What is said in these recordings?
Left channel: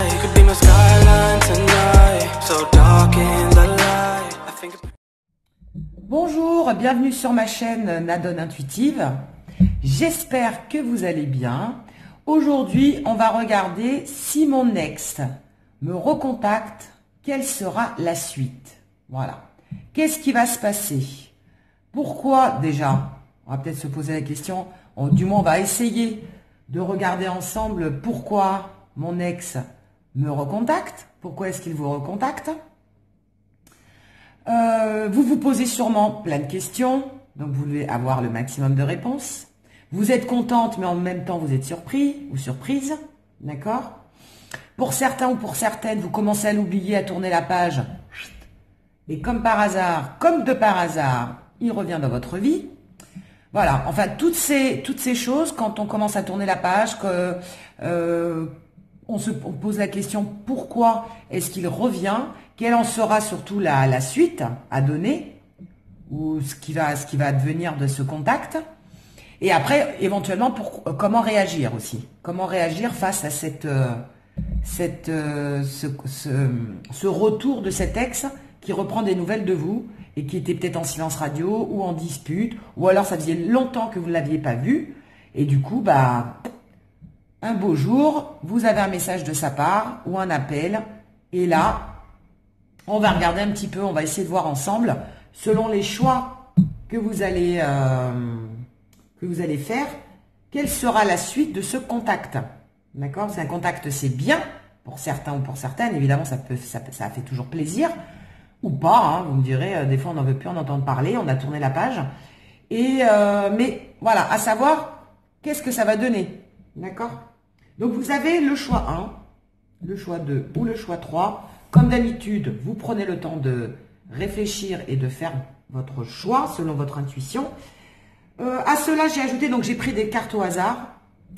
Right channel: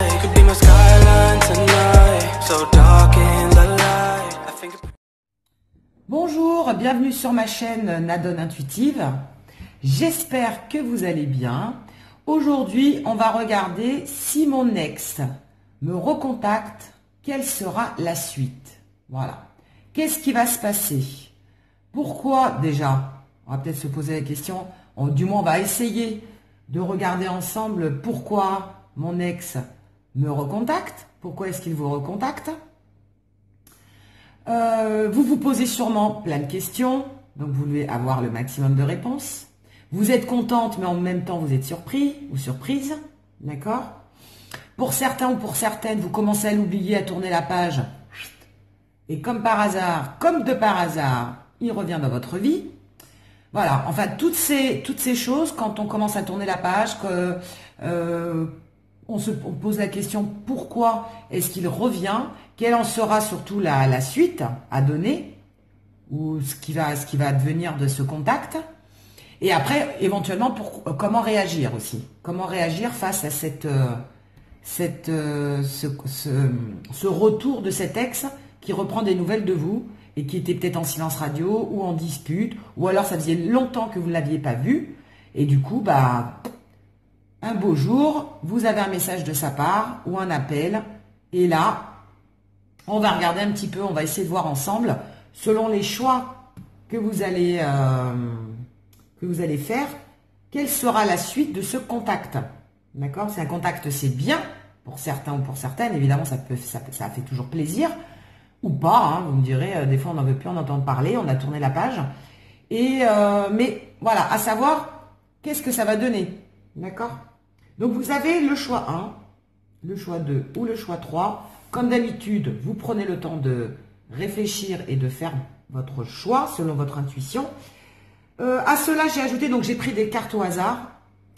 Could be my skyline tonight, so dark in the light. I think. Bonjour, bienvenue sur ma chaîne Nadone Intuitive. J'espère que vous allez bien. Aujourd'hui, on va regarder si mon ex me recontacte, quelle sera la suite. Voilà. Qu'est-ce qui va se passer? Pourquoi déjà? On va peut-être se poser la question, du moins on va essayer de regarder ensemble pourquoi mon ex me recontacte. Pourquoi est-ce qu'il vous recontacte? Vous vous posez sûrement plein de questions, donc vous voulez avoir le maximum de réponses. Vous êtes contente, mais en même temps vous êtes surpris ou surprise, d'accord? Pour certains ou pour certaines, vous commencez à l'oublier, à tourner la page, et comme par hasard, comme de par hasard, il revient dans votre vie. Voilà, enfin toutes ces choses, quand on commence à tourner la page, on se pose la question pourquoi est-ce qu'il revient, quelle en sera surtout la suite à donner, ou ce qui va advenir de ce contact, et après éventuellement comment réagir aussi, comment réagir face à ce retour de cet ex qui reprend des nouvelles de vous et qui était peut-être en silence radio ou en dispute, ou alors ça faisait longtemps que vous ne l'aviez pas vu, et du coup, un beau jour, vous avez un message de sa part ou un appel, et là, on va regarder un petit peu, on va essayer de voir ensemble, selon les choix que vous allez faire, quelle sera la suite de ce contact. D'accord? Si un contact c'est bien, pour certains ou pour certaines, évidemment ça fait toujours plaisir, ou pas, hein, vous me direz, des fois on n'en veut plus en entendre parler, on a tourné la page, mais voilà, à savoir, qu'est-ce que ça va donner, d'accord? Donc vous avez le choix 1, le choix 2 ou le choix 3, comme d'habitude, vous prenez le temps de réfléchir et de faire votre choix selon votre intuition. À cela, j'ai ajouté, donc j'ai pris des cartes au hasard,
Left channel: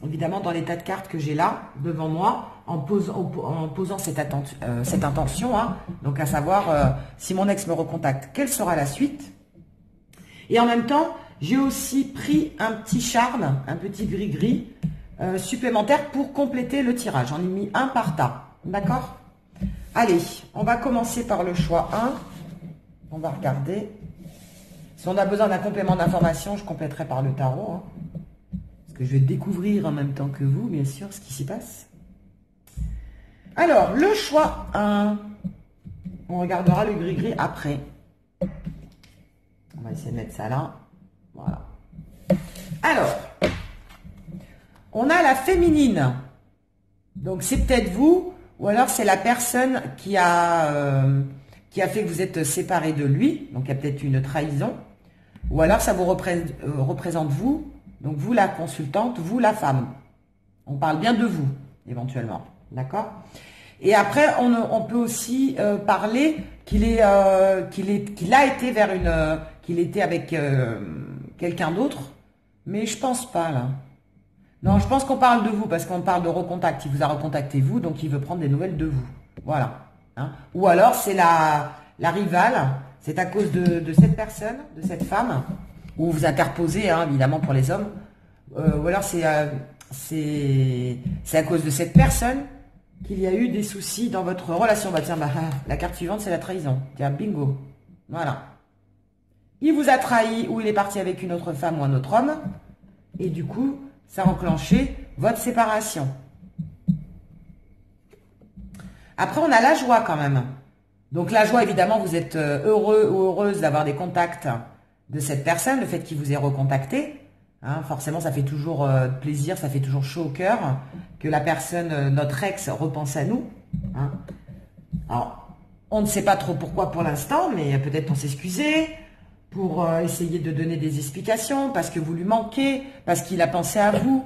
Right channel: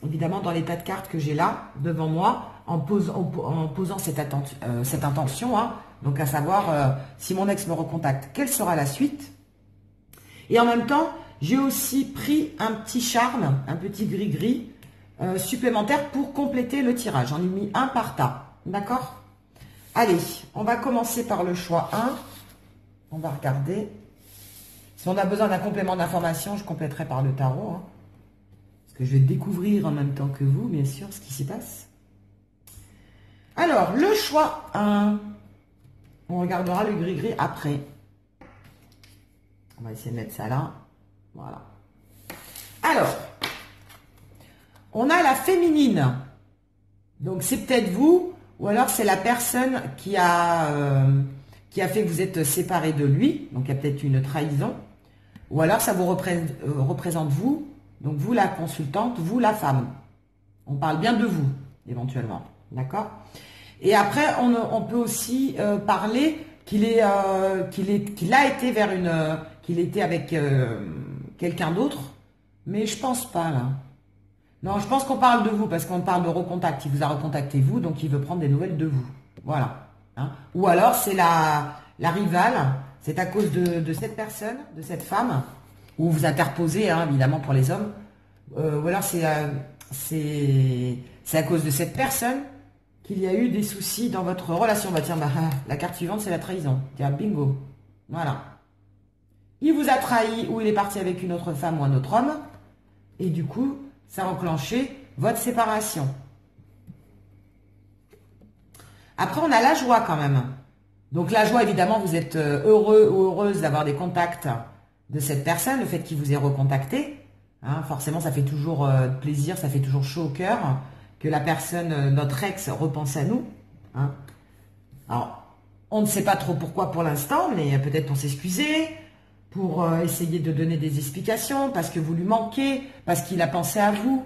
évidemment dans les tas de cartes que j'ai là, devant moi, en posant cette intention, hein, donc à savoir si mon ex me recontacte, quelle sera la suite. Et en même temps, j'ai aussi pris un petit charme, un petit gris-gris supplémentaire pour compléter le tirage. J'en ai mis un par tas, d'accord? Allez, on va commencer par le choix 1. On va regarder. Si on a besoin d'un complément d'information, je compléterai par le tarot, hein, parce que je vais découvrir en même temps que vous, bien sûr, ce qui s'y passe. Alors, le choix 1, on regardera le gris-gris après. On va essayer de mettre ça là. Voilà. Alors, on a la féminine. Donc, c'est peut-être vous, ou alors c'est la personne qui a fait que vous êtes séparés de lui. Donc, il y a peut-être une trahison. Ou alors, ça vous représente vous. Donc, vous la consultante, vous la femme. On parle bien de vous, éventuellement. D'accord? Et après, on peut aussi parler qu'il était avec quelqu'un d'autre. Mais je pense pas, là. Non, je pense qu'on parle de vous, parce qu'on parle de recontact. Il vous a recontacté vous, donc il veut prendre des nouvelles de vous. Voilà. Hein? Ou alors, c'est la rivale. C'est à cause de cette personne, de cette femme, ou vous interposez, hein, évidemment, pour les hommes. Ou alors, c'est à cause de cette personne qu'il y a eu des soucis dans votre relation. Bah tiens, la carte suivante, c'est la trahison. Tiens, bingo. Voilà. Il vous a trahi, ou il est parti avec une autre femme ou un autre homme. Et du coup, ça a enclenché votre séparation. Après, on a la joie quand même. Donc la joie, évidemment, vous êtes heureux ou heureuse d'avoir des contacts de cette personne, le fait qu'il vous ait recontacté. Hein, forcément, ça fait toujours plaisir, ça fait toujours chaud au cœur que la personne, notre ex, repense à nous. Hein. Alors, on ne sait pas trop pourquoi pour l'instant, mais peut-être pour s'excuser, pour essayer de donner des explications, parce que vous lui manquez, parce qu'il a pensé à vous.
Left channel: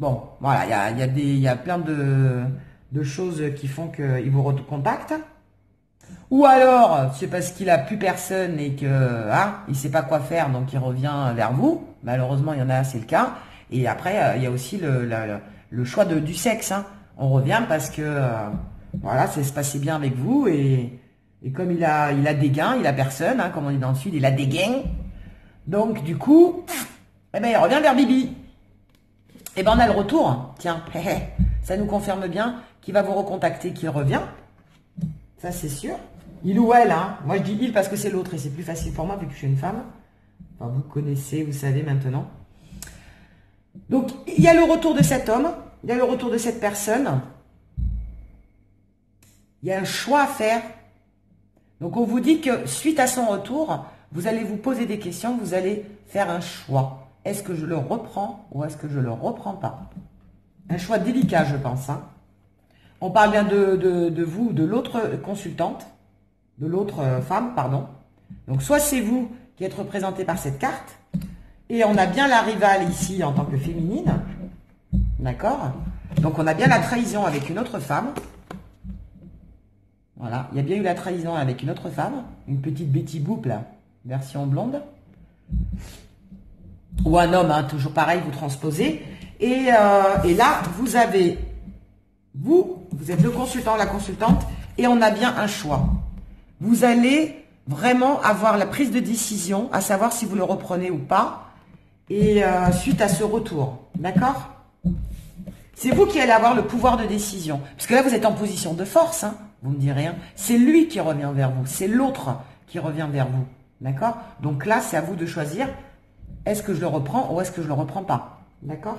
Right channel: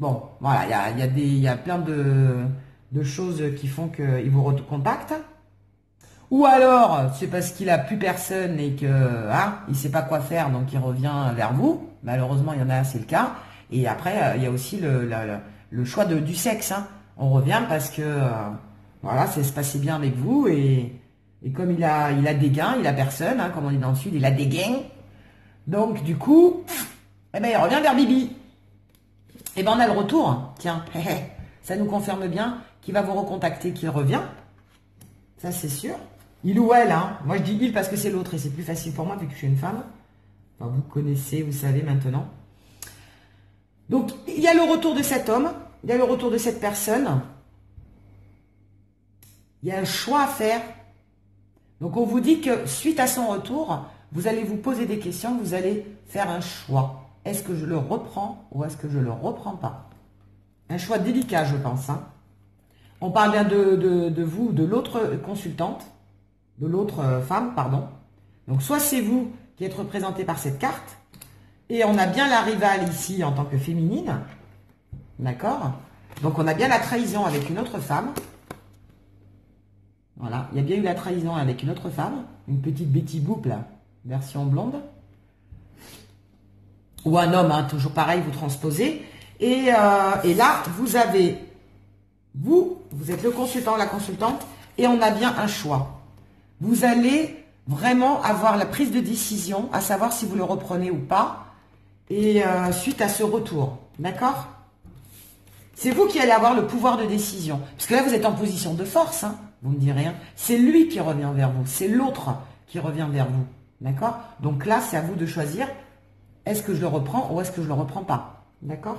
Bon, voilà, il y a plein de choses qui font qu'il vous recontacte. Ou alors, c'est parce qu'il n'a plus personne et qu'il ne sait pas quoi faire, donc il revient vers vous. Malheureusement, il y en a, c'est le cas. Et après, il y a aussi le choix du sexe. Hein. On revient parce que, voilà, ça se passait bien avec vous. Et comme il a des gains, il a personne, hein, comme on dit dans le sud, il a des gains. Donc, du coup, eh ben, il revient vers Bibi. Et ben, on a le retour. Tiens, ça nous confirme bien qui va vous recontacter, qui revient. Ça, c'est sûr. Il ou elle, hein. Moi, je dis il parce que c'est l'autre et c'est plus facile pour moi vu que je suis une femme. Enfin, vous connaissez, vous savez maintenant. Donc, il y a le retour de cet homme, il y a le retour de cette personne. Il y a un choix à faire. Donc, on vous dit que suite à son retour, vous allez vous poser des questions, vous allez faire un choix. Est-ce que je le reprends ou est-ce que je ne le reprends pas? Un choix délicat, je pense. Hein. On parle bien de vous, de l'autre consultante, de l'autre femme, pardon. Donc, soit c'est vous qui êtes représenté par cette carte, et on a bien la rivale ici en tant que féminine, d'accord? Donc, on a bien la trahison avec une autre femme. Voilà, il y a bien eu la trahison avec une autre femme, une petite Betty Boop, là, version blonde. Ou un homme, hein, toujours pareil, vous transposez. Et là, vous avez, vous êtes le consultant, la consultante, et on a bien un choix. Vous allez vraiment avoir la prise de décision, à savoir si vous le reprenez ou pas, et suite à ce retour, d'accord? C'est vous qui allez avoir le pouvoir de décision. Parce que là, vous êtes en position de force, hein, vous me direz. Hein. C'est lui qui revient vers vous, c'est l'autre qui revient vers vous, d'accord? Donc là, c'est à vous de choisir, est-ce que je le reprends ou est-ce que je ne le reprends pas, d'accord?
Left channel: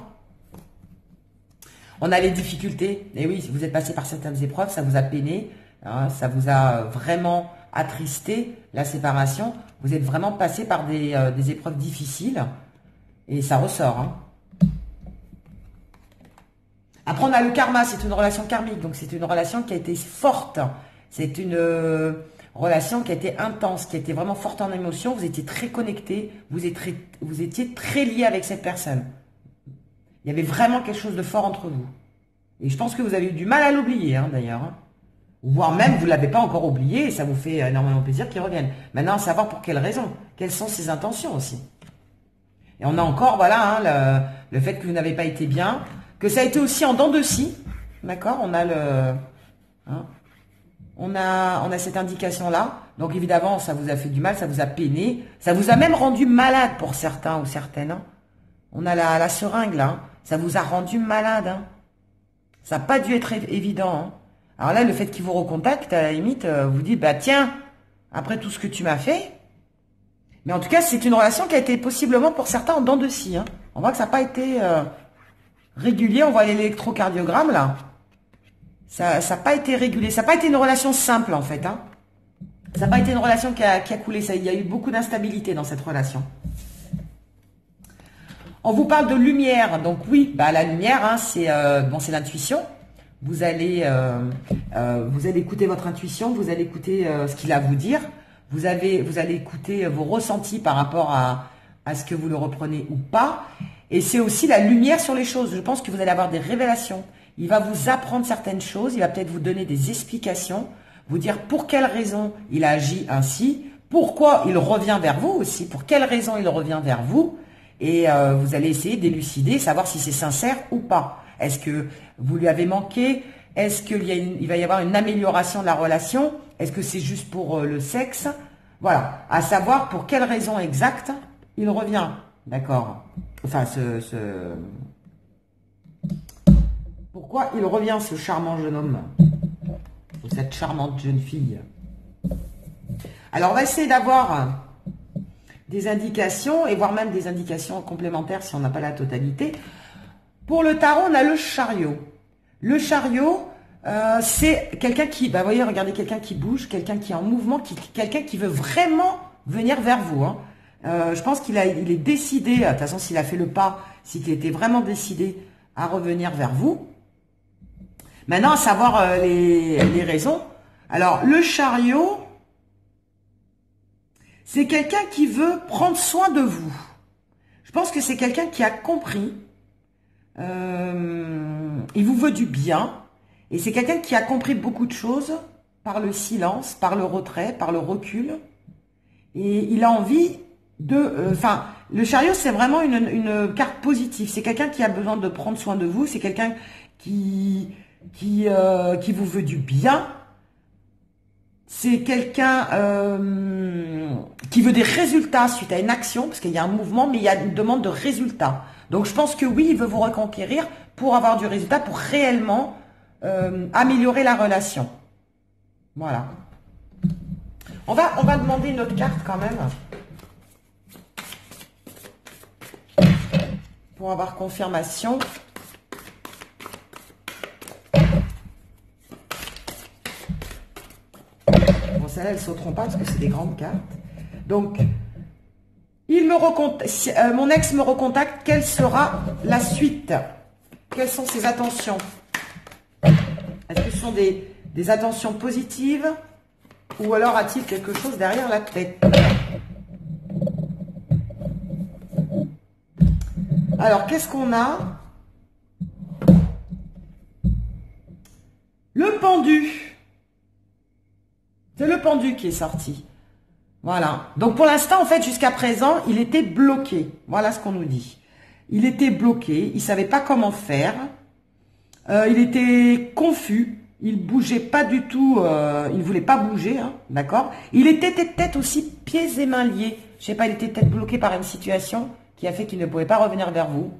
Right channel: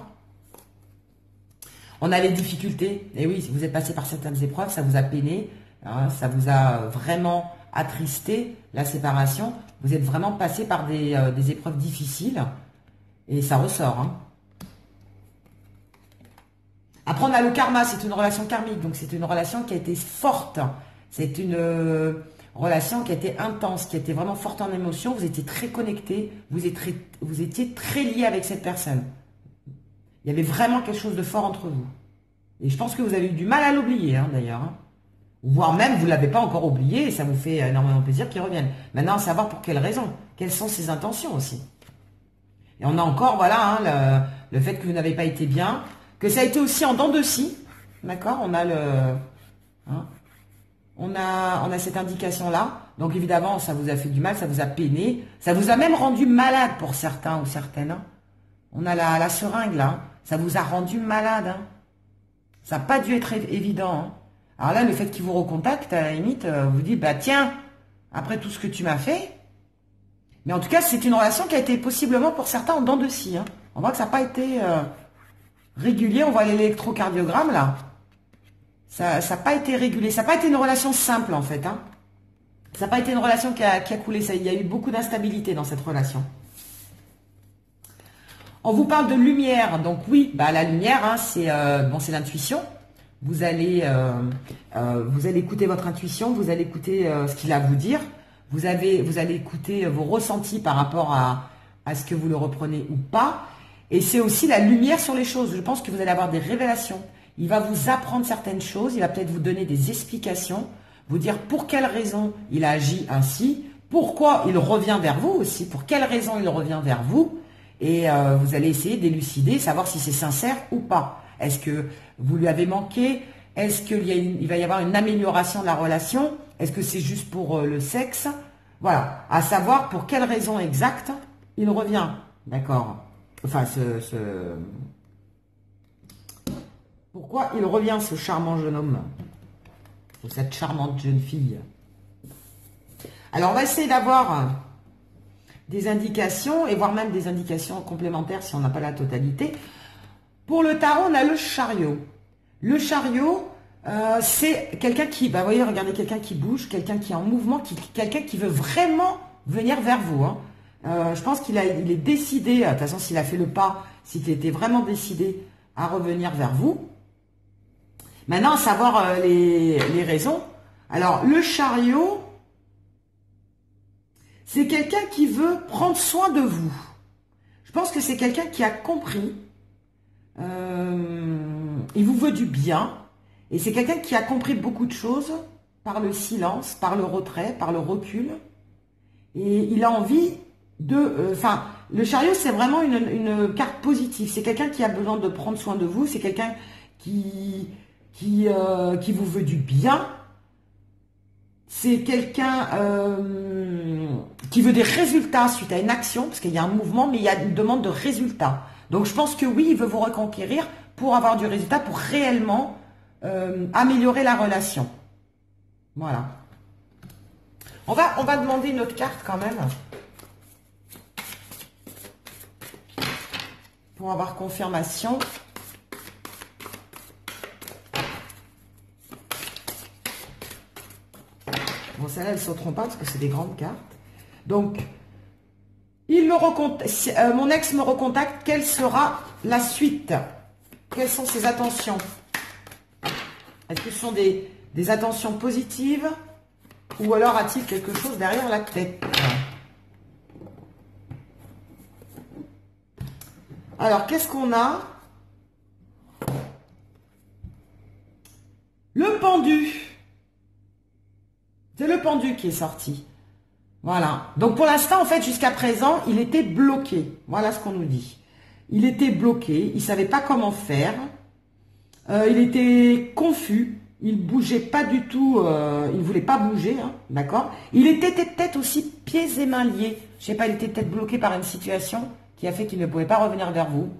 On a les difficultés, et oui, vous êtes passé par certaines épreuves, ça vous a peiné, hein, ça vous a vraiment attristé, la séparation. Vous êtes vraiment passé par des épreuves difficiles, et ça ressort. Hein. Après, on a le karma, c'est une relation karmique, donc c'est une relation qui a été forte. C'est une relation qui a été intense, qui a été vraiment forte en émotion. Vous étiez très connectés, vous étiez très liés avec cette personne. Il y avait vraiment quelque chose de fort entre vous. Et je pense que vous avez eu du mal à l'oublier, hein, d'ailleurs. Hein. Voire même, vous ne l'avez pas encore oublié, et ça vous fait énormément plaisir qu'il revienne. Maintenant, à savoir pour quelles raisons, quelles sont ses intentions aussi. Et on a encore, voilà, hein, le fait que vous n'avez pas été bien, que ça a été aussi en dents de scie, d'accord? On a hein, on a cette indication-là. Donc évidemment, ça vous a fait du mal, ça vous a peiné, ça vous a même rendu malade pour certains ou certaines. Hein. On a la seringue là, hein. Ça vous a rendu malade. Hein. Ça n'a pas dû être évident. Hein. Alors là, le fait qu'il vous recontacte, à la limite, vous dit, bah tiens, après tout ce que tu m'as fait. Mais en tout cas, c'est une relation qui a été possiblement pour certains en dents de scie. Hein. On voit que ça n'a pas été régulier. On voit l'électrocardiogramme là. Ça n'a pas été régulé. Ça n'a pas été une relation simple en fait. Hein. Ça n'a pas été une relation qui a coulé. Il y a eu beaucoup d'instabilité dans cette relation. On vous parle de lumière. Donc oui, bah, la lumière, hein, c'est l'intuition. Vous allez écouter votre intuition. Vous allez écouter ce qu'il a à vous dire. Vous allez écouter vos ressentis par rapport à ce que vous le reprenez ou pas. Et c'est aussi la lumière sur les choses. Je pense que vous allez avoir des révélations. Il va vous apprendre certaines choses. Il va peut-être vous donner des explications. Vous dire pour quelle raison il a agi ainsi. Pourquoi il revient vers vous aussi. Pour quelle raison il revient vers vous. Et vous allez essayer d'élucider, savoir si c'est sincère ou pas. Est-ce que vous lui avez manqué? Est-ce qu'il va y avoir une amélioration de la relation? Est-ce que c'est juste pour le sexe? Voilà, à savoir pour quelle raison exacte il revient. D'accord. Enfin, pourquoi il revient, ce charmant jeune homme? Ou cette charmante jeune fille? Alors, on va essayer d'avoir des indications, et voire même des indications complémentaires si on n'a pas la totalité. Pour le tarot, on a le chariot. Le chariot, c'est quelqu'un qui, bah, vous voyez, regardez, quelqu'un qui bouge, quelqu'un qui est en mouvement, quelqu'un qui veut vraiment venir vers vous. Hein. Je pense qu'il est décidé, de toute façon, s'il a fait le pas, c'est qu'il était vraiment décidé à revenir vers vous. Maintenant, à savoir les raisons. Alors, le chariot, c'est quelqu'un qui veut prendre soin de vous. Je pense que c'est quelqu'un qui a compris. Il vous veut du bien. Et c'est quelqu'un qui a compris beaucoup de choses par le silence, par le retrait, par le recul. Et il a envie de... le chariot, c'est vraiment une carte positive. C'est quelqu'un qui a besoin de prendre soin de vous. C'est quelqu'un qui vous veut du bien. C'est quelqu'un qui veut des résultats suite à une action, parce qu'il y a un mouvement, mais il y a une demande de résultats. Donc je pense que oui, il veut vous reconquérir pour avoir du résultat, pour réellement améliorer la relation. Voilà. On va demander une autre carte quand même. Pour avoir confirmation. Bon, celle-là, elles ne sauteront pas parce que c'est des grandes cartes. Donc, il me recontacte, mon ex me recontacte. Quelle sera la suite? Quelles sont ses attentions? Est-ce que ce sont des attentions positives? Ou alors a-t-il quelque chose derrière la tête? Alors, qu'est-ce qu'on a? Le pendu. C'est le pendu qui est sorti. Voilà. Donc, pour l'instant, en fait, jusqu'à présent, il était bloqué. Voilà ce qu'on nous dit. Il était bloqué. Il ne savait pas comment faire. Il était confus. Il bougeait pas du tout. Il ne voulait pas bouger. Hein, d'accord? Il était peut-être aussi pieds et mains liés. Je sais pas, il était peut-être bloqué par une situation qui a fait qu'il ne pouvait pas revenir vers vous.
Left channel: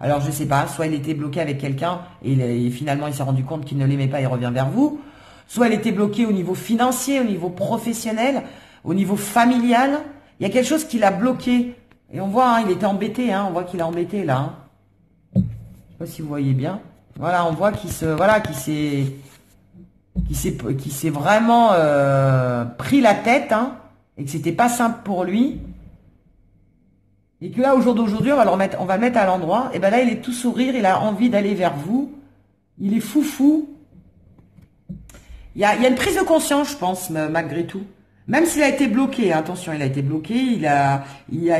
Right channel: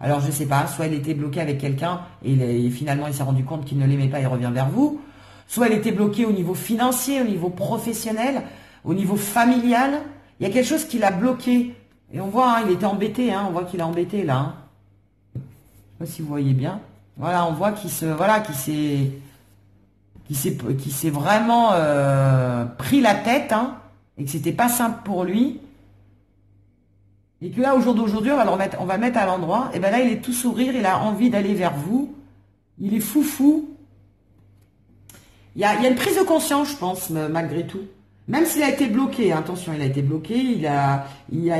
Alors, je ne sais pas, soit il était bloqué avec quelqu'un et finalement, il s'est rendu compte qu'il ne l'aimait pas et revient vers vous. Soit il était bloqué au niveau financier, au niveau professionnel, au niveau familial. Il y a quelque chose qui l'a bloqué. Et on voit, hein, il était embêté, hein, on voit qu'il est embêté là. Hein. Je ne sais pas si vous voyez bien. Voilà, on voit qu'il s'est vraiment pris la tête, hein, et que c'était pas simple pour lui. Et que là, au jour d'aujourd'hui, on va le mettre à l'endroit. Et ben là, il est tout sourire, il a envie d'aller vers vous. Il est foufou. Il y a une prise de conscience, je pense, malgré tout. Même s'il a été bloqué, attention, il a été bloqué, il y a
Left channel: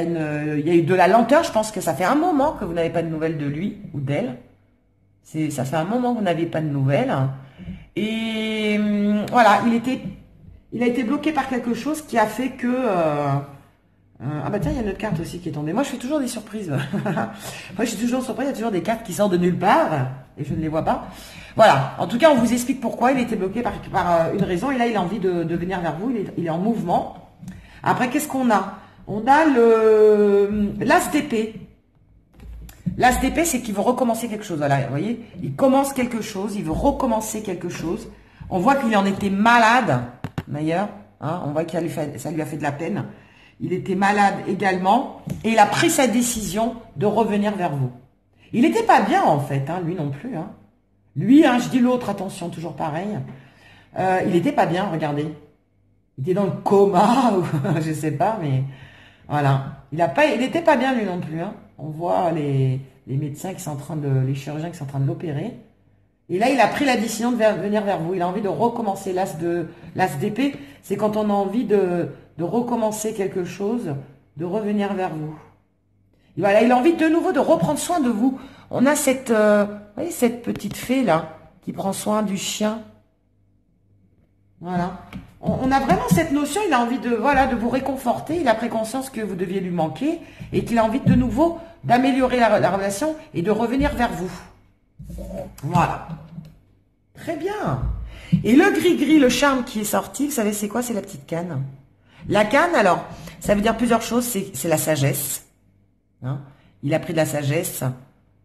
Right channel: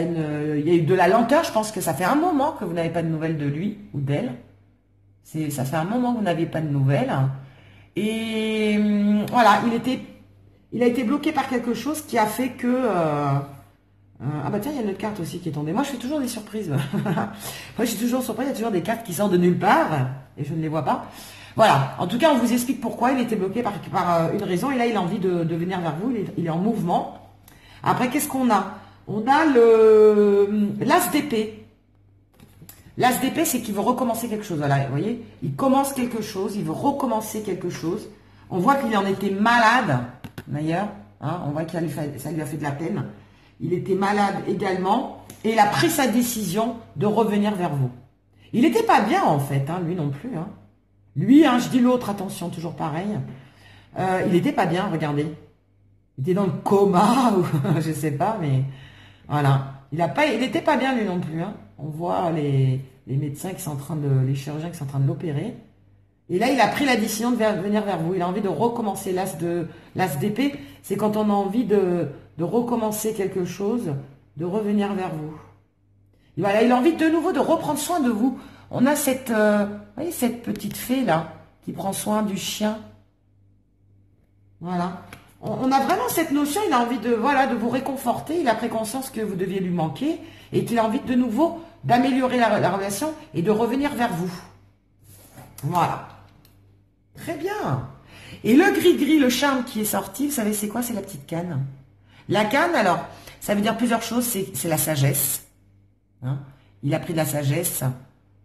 eu de la lenteur. Je pense que ça fait un moment que vous n'avez pas de nouvelles de lui ou d'elle. Ça fait un moment que vous n'avez pas de nouvelles. Et voilà, il a été bloqué par quelque chose qui a fait que... ah bah tiens, il y a une autre carte aussi qui est tombée. Moi, je fais toujours des surprises. Moi, je suis toujours surprise. Il y a toujours des cartes qui sortent de nulle part et je ne les vois pas. Voilà. En tout cas, on vous explique pourquoi il était bloqué par une raison. Et là, il a envie de venir vers vous. Il est en mouvement. Après, qu'est-ce qu'on a? On a l'as d'épée. L'as d'épée, c'est qu'il veut recommencer quelque chose. Voilà, vous voyez, il commence quelque chose. Il veut recommencer quelque chose. On voit qu'il en était malade, d'ailleurs. Hein, on voit que ça lui a fait de la peine. Il était malade également et il a pris sa décision de revenir vers vous. Il n'était pas bien en fait, hein, lui non plus. Hein. Lui, hein, je dis l'autre, attention, toujours pareil. Il n'était pas bien, regardez. Il était dans le coma, ou je ne sais pas, mais voilà. Il n'était pas bien lui non plus. Hein. On voit les médecins qui sont en train les chirurgiens qui sont en train de l'opérer. Et là, il a pris la décision de venir vers vous. Il a envie de recommencer l'as d'épée. C'est quand on a envie de recommencer quelque chose, de revenir vers vous. Et voilà, il a envie de nouveau de reprendre soin de vous. On a cette petite fée là, qui prend soin du chien. Voilà. On a vraiment cette notion, il a envie de vous réconforter. Il a pris conscience que vous deviez lui manquer et qu'il a envie de nouveau d'améliorer la relation et de revenir vers vous. Voilà. Très bien. Et le gris-gris, le charme qui est sorti, vous savez c'est quoi? C'est la petite canne. La canne, alors, ça veut dire plusieurs choses. C'est la sagesse. Hein, il a pris de la sagesse.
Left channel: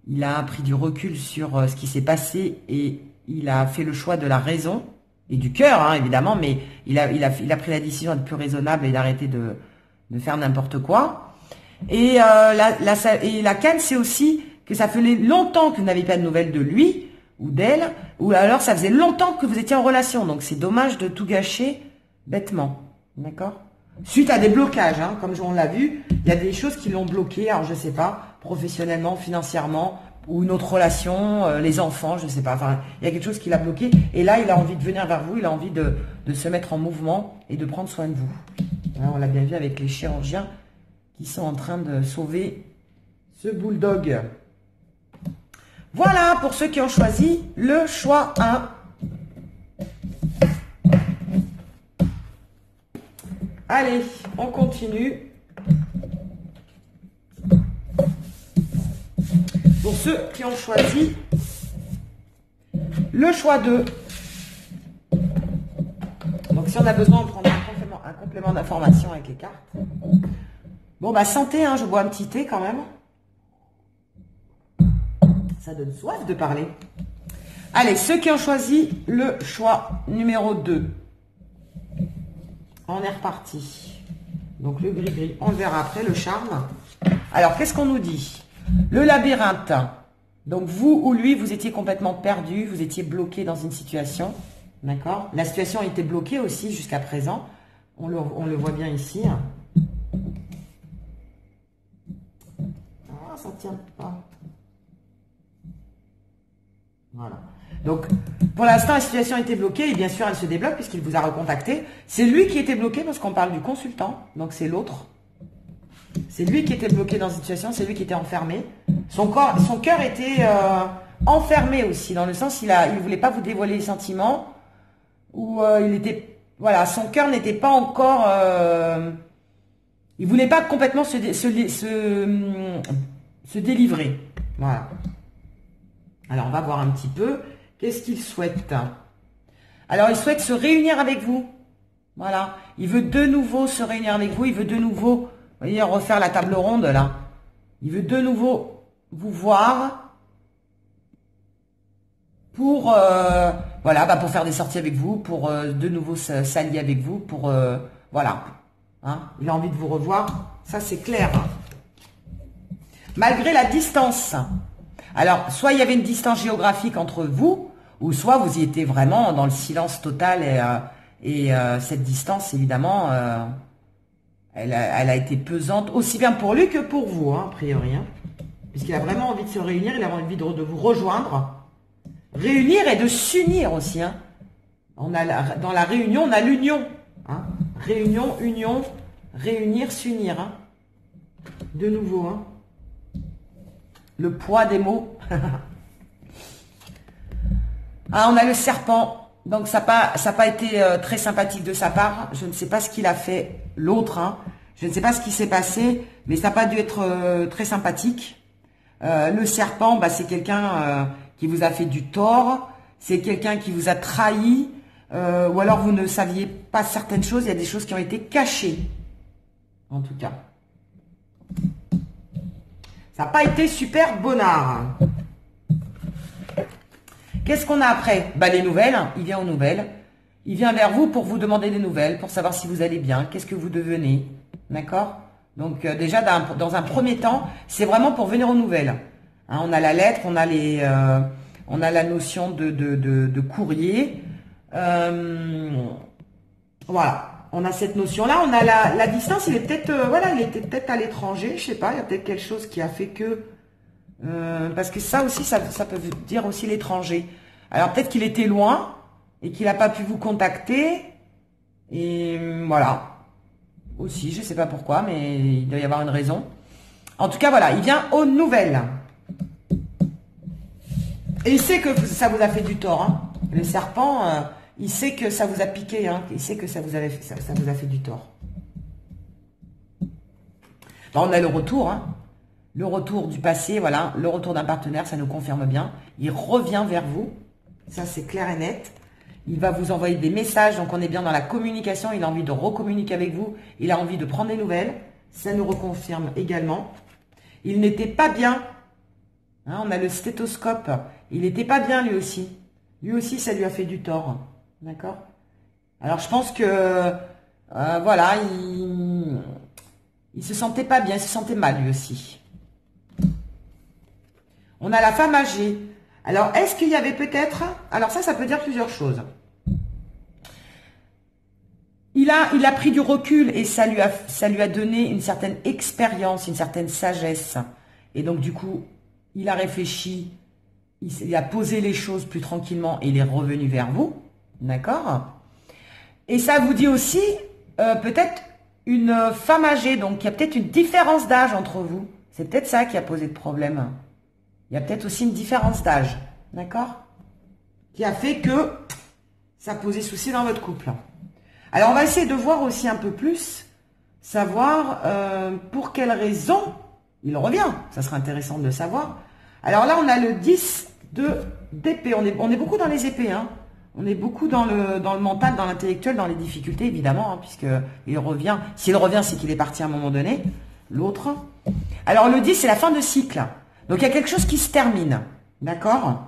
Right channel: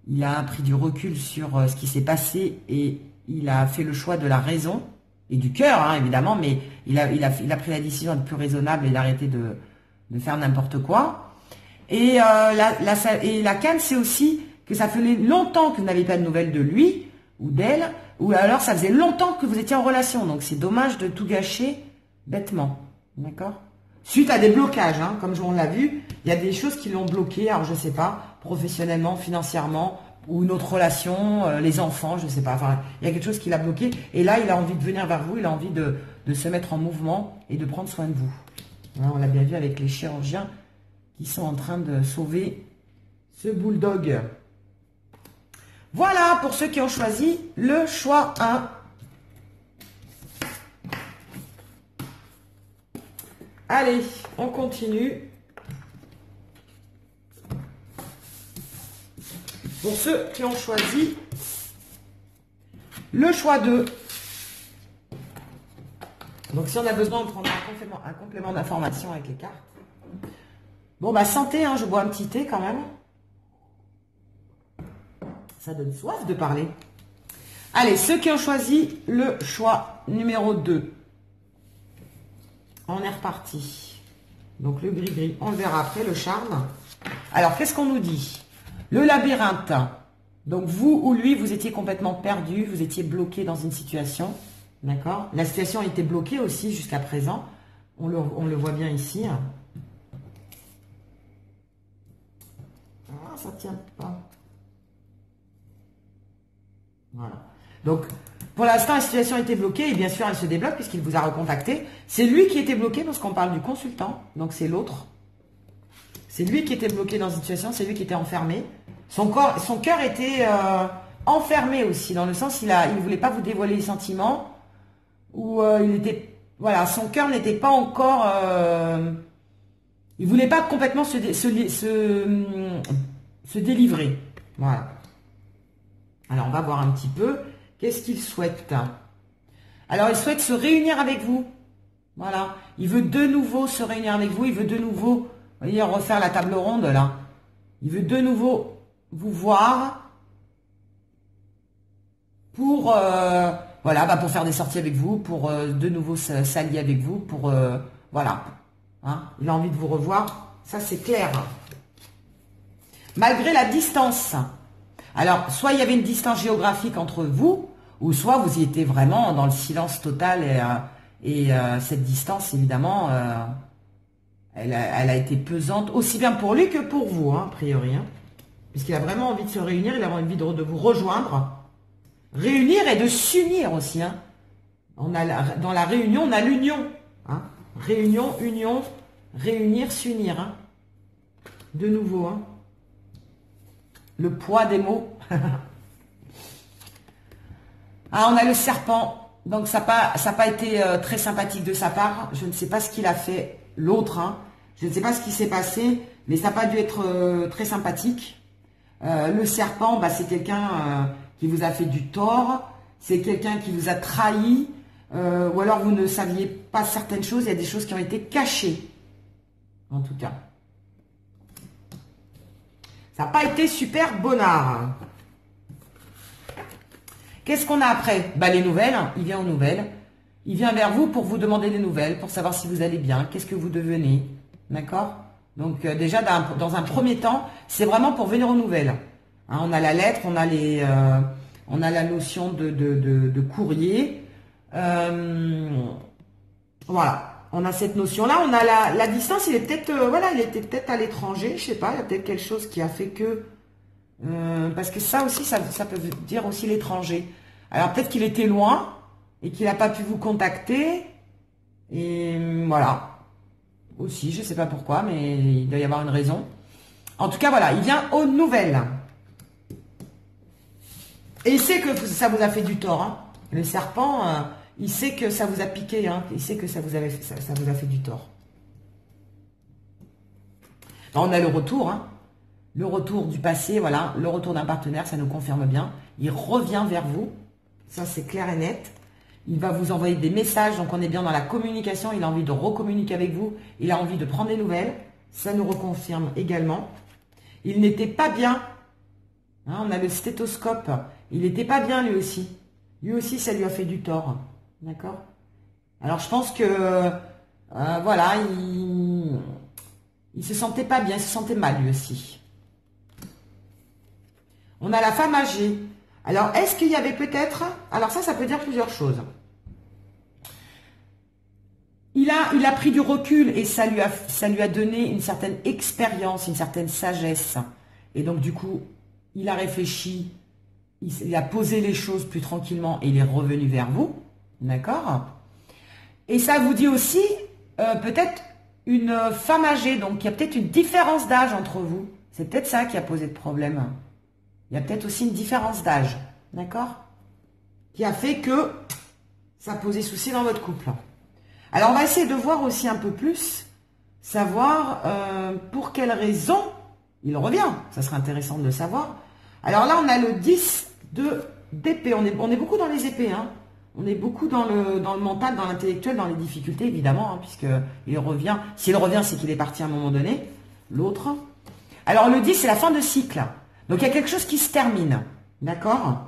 Il a pris du recul sur ce qui s'est passé et il a fait le choix de la raison et du cœur, hein, évidemment, mais il a pris la décision d'être plus raisonnable et d'arrêter de faire n'importe quoi. Et la canne, c'est aussi que ça faisait longtemps que vous n'avez pas de nouvelles de lui ou d'elle, ou alors ça faisait longtemps que vous étiez en relation. Donc c'est dommage de tout gâcher bêtement. D'accord? Suite à des blocages, hein, comme on l'a vu, il y a des choses qui l'ont bloqué, alors je ne sais pas, professionnellement, financièrement, ou une autre relation, les enfants, je ne sais pas. Enfin, il y a quelque chose qui l'a bloqué. Et là, il a envie de venir vers vous, il a envie de se mettre en mouvement et de prendre soin de vous. Là, on l'a bien vu avec les chirurgiens qui sont en train de sauver ce bulldog. Voilà pour ceux qui ont choisi le choix 1. Allez, on continue. Pour ceux qui ont choisi le choix 2. Donc, si on a besoin de prendre un complément d'information avec les cartes. Bon, bah, santé, hein, je bois un petit thé quand même. Ça donne soif de parler. Allez, ceux qui ont choisi le choix numéro 2. On est reparti. Donc le gris-gris, on verra après le charme. Alors, qu'est-ce qu'on nous dit? Le labyrinthe. Donc vous ou lui, vous étiez complètement perdu, vous étiez bloqué dans une situation. D'accord? La situation était bloquée aussi jusqu'à présent. On le voit bien ici. Ah, ça tient pas. Voilà. Donc, pour l'instant, la situation était bloquée et bien sûr, elle se débloque puisqu'il vous a recontacté. C'est lui qui était bloqué parce qu'on parle du consultant. Donc, c'est l'autre. C'est lui qui était bloqué dans une situation, c'est lui qui était enfermé. Son cœur était enfermé aussi, dans le sens il ne voulait pas vous dévoiler les sentiments. Ou il était... Voilà, son cœur n'était pas encore... il voulait pas complètement se délivrer. Voilà. Alors, on va voir un petit peu. Qu'est-ce qu'il souhaite? Alors, il souhaite se réunir avec vous. Voilà. Il veut de nouveau se réunir avec vous. Il veut de nouveau, vous voyez, refaire la table ronde, là. Il veut de nouveau vous voir pour, voilà, bah, pour faire des sorties avec vous, pour de nouveau s'allier avec vous, pour, voilà. Hein, il a envie de vous revoir. Ça, c'est clair. Malgré la distance. Alors, soit il y avait une distance géographique entre vous, ou soit vous y étiez vraiment dans le silence total et cette distance, évidemment, elle a été pesante, aussi bien pour lui que pour vous, hein, a priori. Hein, puisqu'il a vraiment envie de se réunir, il a envie de vous rejoindre. Réunir et de s'unir aussi. Hein. Dans la réunion, on a l'union. Hein. Réunion, union, réunir, s'unir. Hein. De nouveau. Hein. Le poids des mots. Ah, on a le serpent. Donc, ça n'a pas été très sympathique de sa part. Je ne sais pas ce qu'il a fait, l'autre. Hein. Je ne sais pas ce qui s'est passé, mais ça n'a pas dû être très sympathique. Le serpent, bah, c'est quelqu'un qui vous a fait du tort. C'est quelqu'un qui vous a trahi. Ou alors, vous ne saviez pas certaines choses. Il y a des choses qui ont été cachées. En tout cas. Ça n'a pas été super bonnard. Qu'est-ce qu'on a après? Bah, les nouvelles. Il vient aux nouvelles. Il vient vers vous pour vous demander des nouvelles, pour savoir si vous allez bien, qu'est-ce que vous devenez. D'accord? Donc, déjà, dans un premier temps, c'est vraiment pour venir aux nouvelles. Hein, on a la lettre, on a la notion de courrier. Voilà. On a cette notion-là, on a la distance, il est peut-être, voilà, il était peut-être à l'étranger, je sais pas, il y a peut-être quelque chose qui a fait que, parce que ça aussi, ça peut dire aussi l'étranger. Alors peut-être qu'il était loin et qu'il n'a pas pu vous contacter, et voilà, aussi, je sais pas pourquoi, mais il doit y avoir une raison. En tout cas, voilà, il vient aux nouvelles. Et il sait que ça vous a fait du tort, hein. Le serpent... il sait que ça vous a piqué, hein. Il sait que ça vous a fait du tort. Bon, on a le retour, hein. Le retour du passé, voilà, le retour d'un partenaire, ça nous confirme bien. Il revient vers vous, ça c'est clair et net. Il va vous envoyer des messages, donc on est bien dans la communication, il a envie de recommuniquer avec vous, il a envie de prendre des nouvelles, ça nous reconfirme également. Il n'était pas bien, hein, on a le stéthoscope, il n'était pas bien lui aussi. Lui aussi, ça lui a fait du tort. D'accord? Alors, je pense que, voilà, il se sentait pas bien, il se sentait mal, lui aussi. On a la femme âgée. Alors, est-ce qu'il y avait peut-être... Alors, ça peut dire plusieurs choses. Il a pris du recul et ça lui a donné une certaine expérience, une certaine sagesse. Et donc, du coup, il a réfléchi, il a posé les choses plus tranquillement et il est revenu vers vous. D'accord? Et ça vous dit aussi peut-être une femme âgée, donc il y a peut-être une différence d'âge entre vous. C'est peut-être ça qui a posé de problème. Il y a peut-être aussi une différence d'âge. D'accord? Qui a fait que ça posait souci dans votre couple. Alors on va essayer de voir aussi un peu plus, savoir pour quelle raison il revient. Ça serait intéressant de le savoir. Alors là on a le 10 d'épée. On est beaucoup dans les épées, hein. On est beaucoup dans le mental, dans l'intellectuel, dans les difficultés, évidemment, hein, puisqu'il revient. S'il revient, c'est qu'il est parti à un moment donné. L'autre. Alors, le 10, c'est la fin de cycle. Donc, il y a quelque chose qui se termine. D'accord?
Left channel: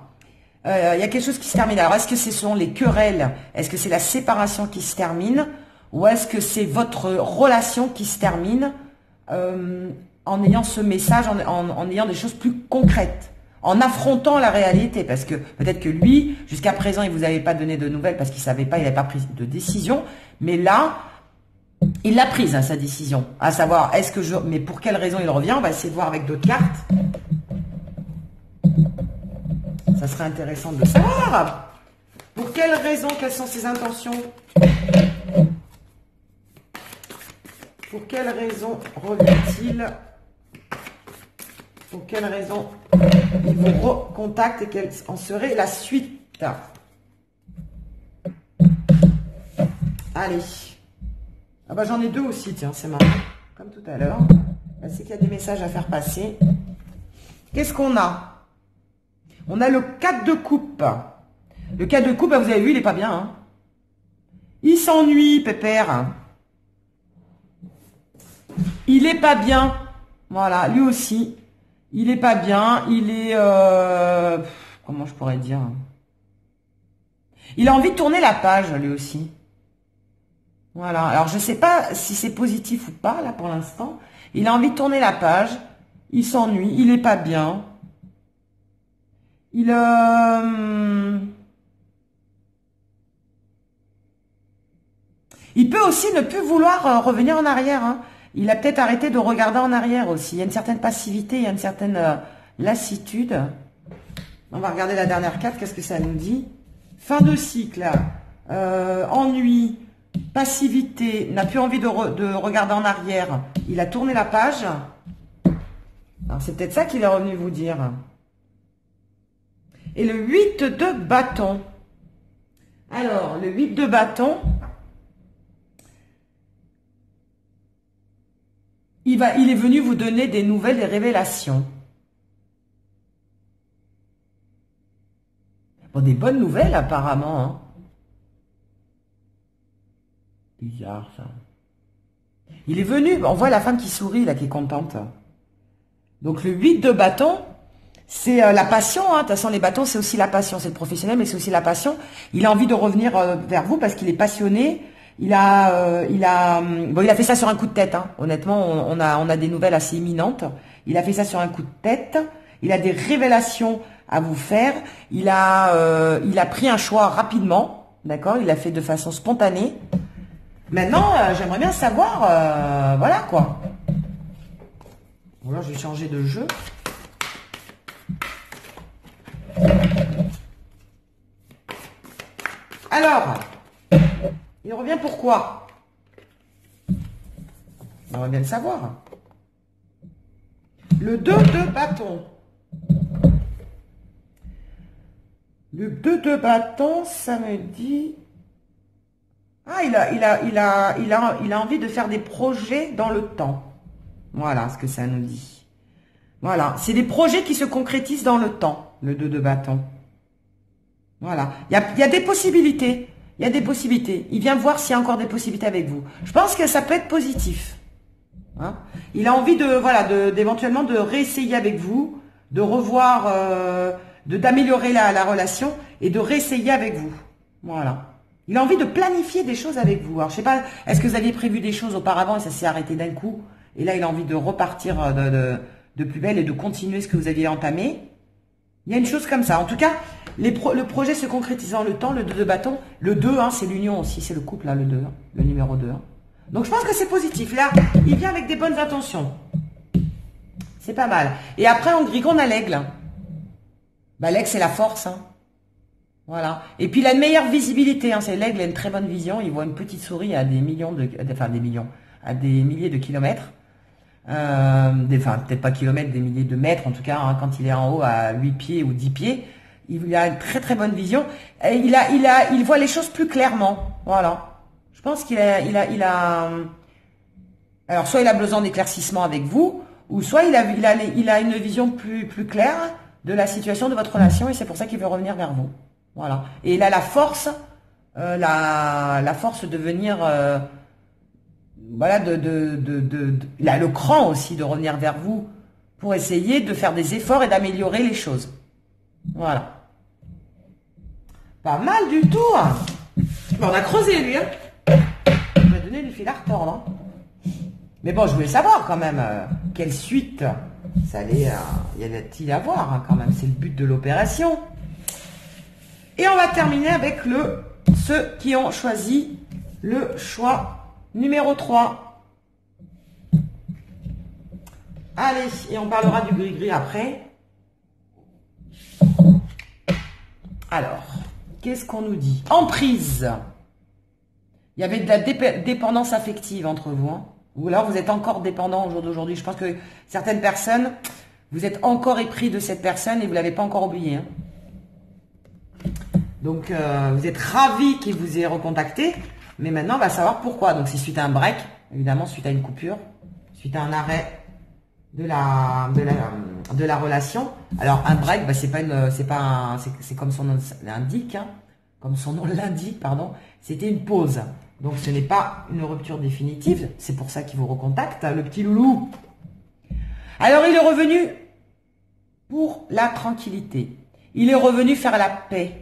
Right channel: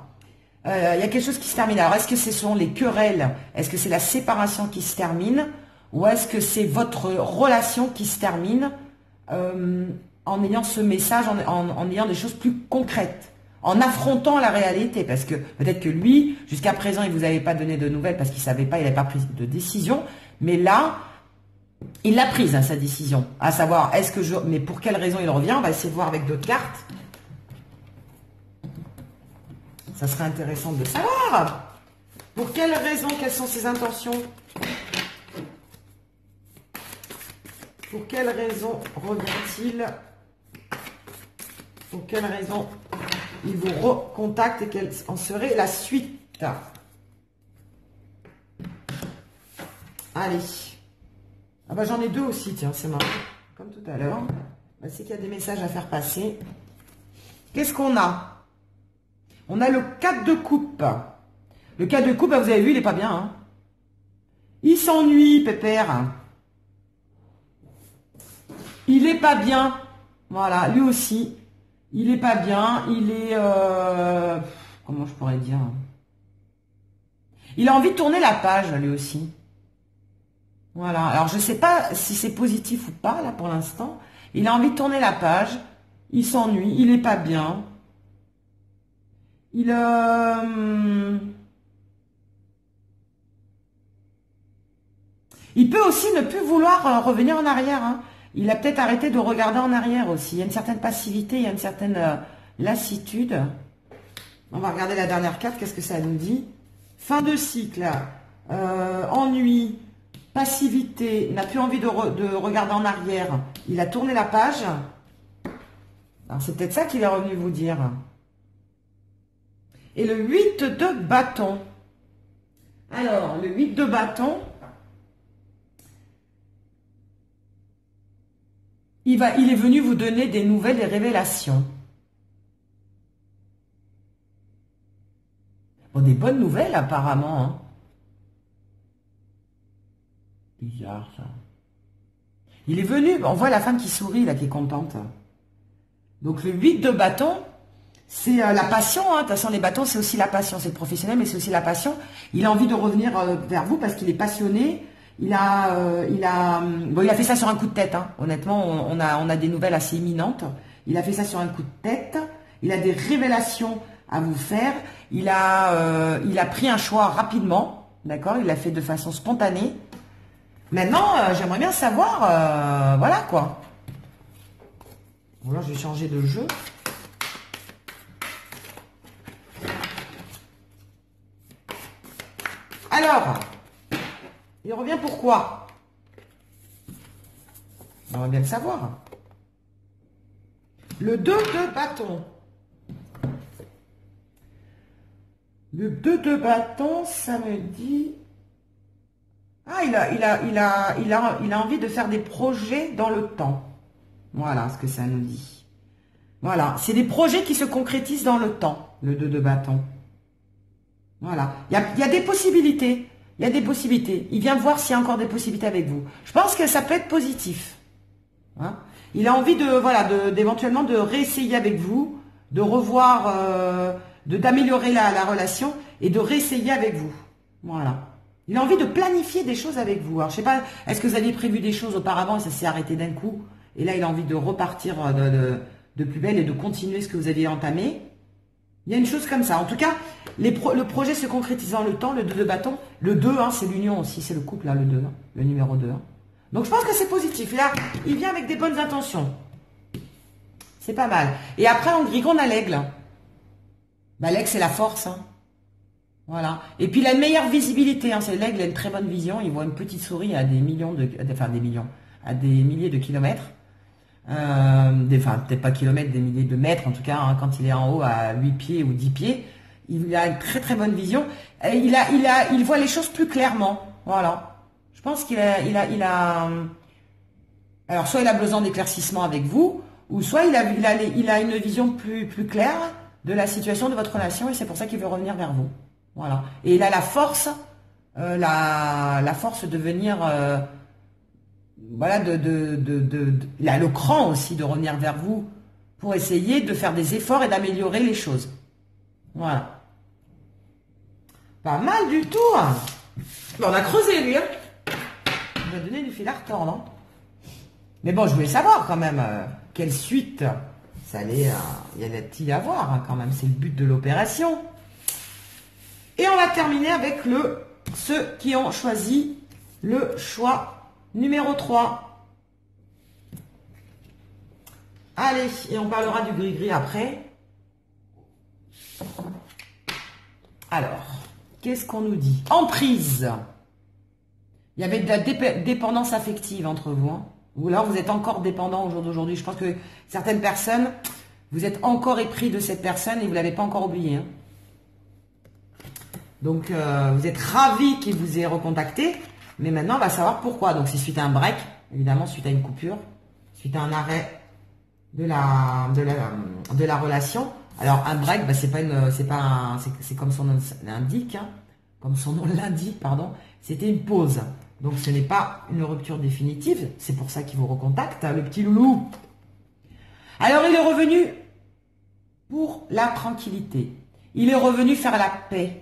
Il y a quelque chose qui se termine. Alors, est-ce que ce sont les querelles? Est-ce que c'est la séparation qui se termine? Ou est-ce que c'est votre relation qui se termine en ayant ce message, en ayant des choses plus concrètes, en affrontant la réalité? Parce que peut-être que lui, jusqu'à présent, il ne vous avait pas donné de nouvelles parce qu'il ne savait pas, il n'avait pas pris de décision. Mais là, il l'a prise, hein, sa décision. À savoir, est-ce que je... Mais pour quelle raison il revient? On va essayer de voir avec d'autres cartes. Ça serait intéressant de savoir. Pour quelles raisons? Quelles sont ses intentions? Pour quelles raisons revient-il? Pour quelles raisons il vous recontacte et quelle en serait la suite? Allez. Ah bah j'en ai deux aussi, tiens, c'est marrant. Comme tout à l'heure. C'est qu'il y a des messages à faire passer. Qu'est-ce qu'on a? On a le 4 de coupe. Le 4 de coupe, bah vous avez vu, il n'est pas bien. Hein, il s'ennuie, pépère. Il n'est pas bien. Voilà, lui aussi. Il n'est pas bien. Il est... comment je pourrais dire? Il a envie de tourner la page, lui aussi. Voilà. Alors, je ne sais pas si c'est positif ou pas, là, pour l'instant. Il a envie de tourner la page. Il s'ennuie. Il n'est pas bien. Il peut aussi ne plus vouloir revenir en arrière. Hein. Il a peut-être arrêté de regarder en arrière aussi. Il y a une certaine passivité, il y a une certaine lassitude. On va regarder la dernière carte, qu'est-ce que ça nous dit? Fin de cycle, ennui, passivité, n'a plus envie de regarder en arrière. Il a tourné la page. C'est peut-être ça qu'il est revenu vous dire. Et le 8 de bâton. Alors, le 8 de bâton, il est venu vous donner des nouvelles, des révélations. Bon, des bonnes nouvelles apparemment. Hein. Bizarre ça. Il est venu, on voit la femme qui sourit là, qui est contente. Donc le 8 de bâton, c'est la passion, hein. De toute façon les bâtons c'est aussi la passion, c'est le professionnel mais c'est aussi la passion. Il a envie de revenir vers vous parce qu'il est passionné. Il a fait ça sur un coup de tête, hein. Honnêtement on a des nouvelles assez imminentes. Il a fait ça sur un coup de tête, il a des révélations à vous faire, il a pris un choix rapidement, d'accord, il l'a fait de façon spontanée. Maintenant j'aimerais bien savoir, voilà quoi. Alors je vais changer de jeu. Alors, il revient pourquoi? On va bien le savoir. Le 2 de bâton. Le 2 de bâton, ça me dit... Ah, il a envie de faire des projets dans le temps. Voilà ce que ça nous dit. Voilà, c'est des projets qui se concrétisent dans le temps, le 2 de bâton. Voilà, il y a des possibilités. Il y a des possibilités. Il vient voir s'il y a encore des possibilités avec vous. Je pense que ça peut être positif. Hein, il a envie d'éventuellement de réessayer avec vous, de revoir, d'améliorer la relation et de réessayer avec vous. Voilà. Il a envie de planifier des choses avec vous. Alors, je sais pas, est-ce que vous aviez prévu des choses auparavant et ça s'est arrêté d'un coup? Et là, il a envie de repartir de plus belle et de continuer ce que vous aviez entamé. Il y a une chose comme ça. En tout cas, le projet se concrétise dans le temps, le 2 de bâton. Le 2, hein, c'est l'union aussi, c'est le couple, hein, le 2, hein, le numéro 2. Hein. Donc, je pense que c'est positif. Là, il vient avec des bonnes intentions. C'est pas mal. Et après, en grille, on a l'aigle. Bah, l'aigle, c'est la force. Hein. Voilà. Et puis, la meilleure visibilité, hein, c'est l'aigle, il a une très bonne vision. Il voit une petite souris à des millions à des milliers de kilomètres. Peut-être pas kilomètres, des milliers de mètres en tout cas, hein, quand il est en haut à 8 pieds ou 10 pieds, il a une très très bonne vision. Et il voit les choses plus clairement. Voilà. Je pense qu'il a alors soit il a besoin d'éclaircissement avec vous, ou soit il a une vision plus claire de la situation de votre relation et c'est pour ça qu'il veut revenir vers vous. Voilà. Et il a la force, la force de venir... voilà, il a le cran aussi de revenir vers vous pour essayer de faire des efforts et d'améliorer les choses. Voilà. Pas mal du tout. Bon, on a creusé, lui. Hein. On a donné du fil à retordre. Hein. Mais bon, je voulais savoir quand même quelle suite ça allait y en a-t-il à voir hein, quand même. C'est le but de l'opération. Et on va terminer avec ceux qui ont choisi le choix numéro 3. Allez, et on parlera du gris-gris après. Alors, qu'est-ce qu'on nous dit? Emprise. Il y avait de la dépendance affective entre vous. Hein. Ou alors vous êtes encore dépendant au jour d'aujourd'hui. Je pense que certaines personnes, vous êtes encore épris de cette personne et vous ne l'avez pas encore oublié. Hein. Donc, vous êtes ravi qu'il vous ait recontacté. Mais maintenant, on va savoir pourquoi. Donc, c'est suite à un break, évidemment, suite à une coupure, suite à un arrêt de la relation. Alors, un break, bah, c'est comme son nom l'indique, hein, comme son nom l'indique, pardon, c'était une pause. Donc, ce n'est pas une rupture définitive. C'est pour ça qu'il vous recontacte, hein, le petit loulou. Alors, il est revenu pour la tranquillité. Il est revenu faire la paix.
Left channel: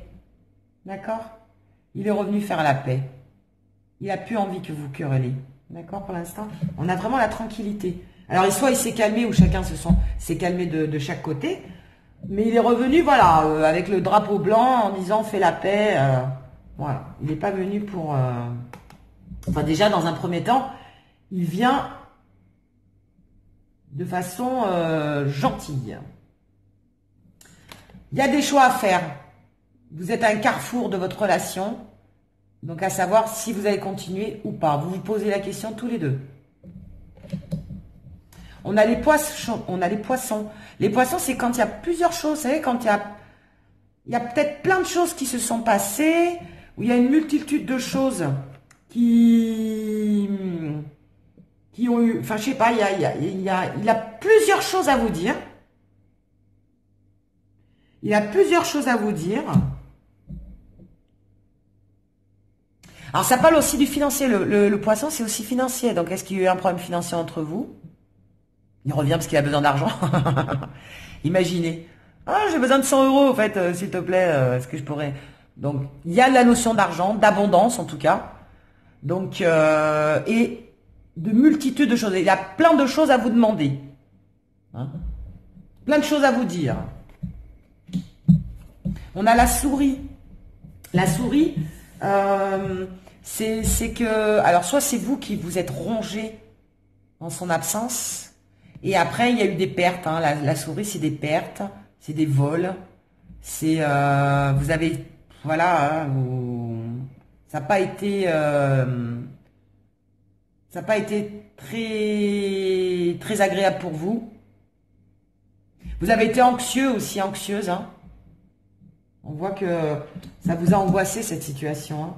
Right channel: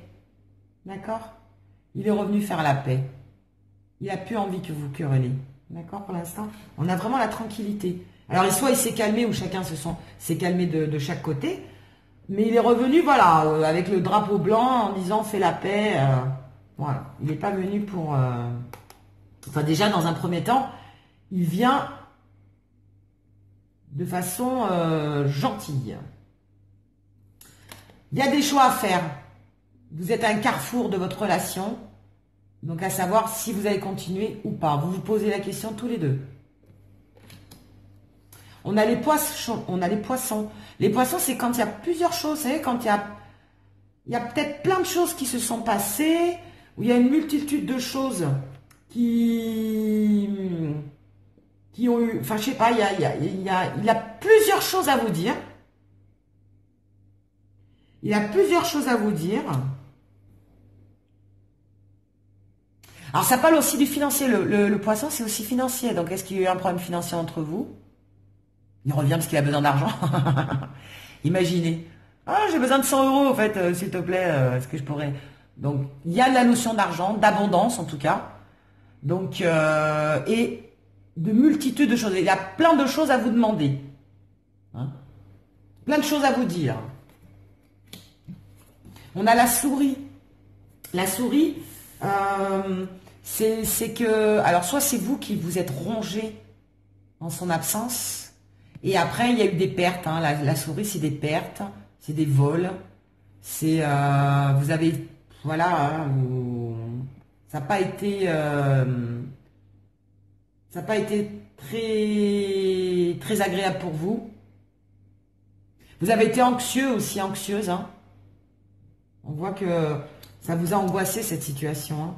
D'accord? Il est revenu faire la paix. Il n'a plus envie que vous querellez. D'accord, pour l'instant? On a vraiment la tranquillité. Alors, soit il s'est calmé, ou chacun s'est calmé de chaque côté. Mais il est revenu, voilà, avec le drapeau blanc, en disant, fais la paix. Voilà. Il n'est pas venu pour... Enfin, déjà, dans un premier temps, il vient de façon gentille. Il y a des choix à faire. Vous êtes à un carrefour de votre relation. Donc, à savoir si vous allez continuer ou pas. Vous vous posez la question tous les deux. On a les poissons. Les poissons, c'est quand il y a plusieurs choses. Vous savez, quand il y a peut-être plein de choses qui se sont passées, où il y a une multitude de choses qui ont eu... Enfin, je sais pas, il a plusieurs choses à vous dire. Il a plusieurs choses à vous dire. Alors, ça parle aussi du financier. Le poisson, c'est aussi financier. Donc, est-ce qu'il y a eu un problème financier entre vous? Il revient parce qu'il a besoin d'argent. Imaginez. Ah, j'ai besoin de 100 euros, en fait, s'il te plaît. Est-ce que je pourrais... Donc, il y a la notion d'argent, d'abondance, en tout cas. Donc, et de multitude de choses. Il y a plein de choses à vous demander. Hein? Plein de choses à vous dire. On a la souris. La souris... c'est que, alors soit c'est vous qui vous êtes rongé en son absence, et après il y a eu des pertes, hein. La souris c'est des pertes, c'est des vols, c'est, vous avez, voilà, hein, ça n'a pas été très, très agréable pour vous. Vous avez été anxieux aussi, anxieuse, hein. On voit que ça vous a angoissé cette situation. Hein.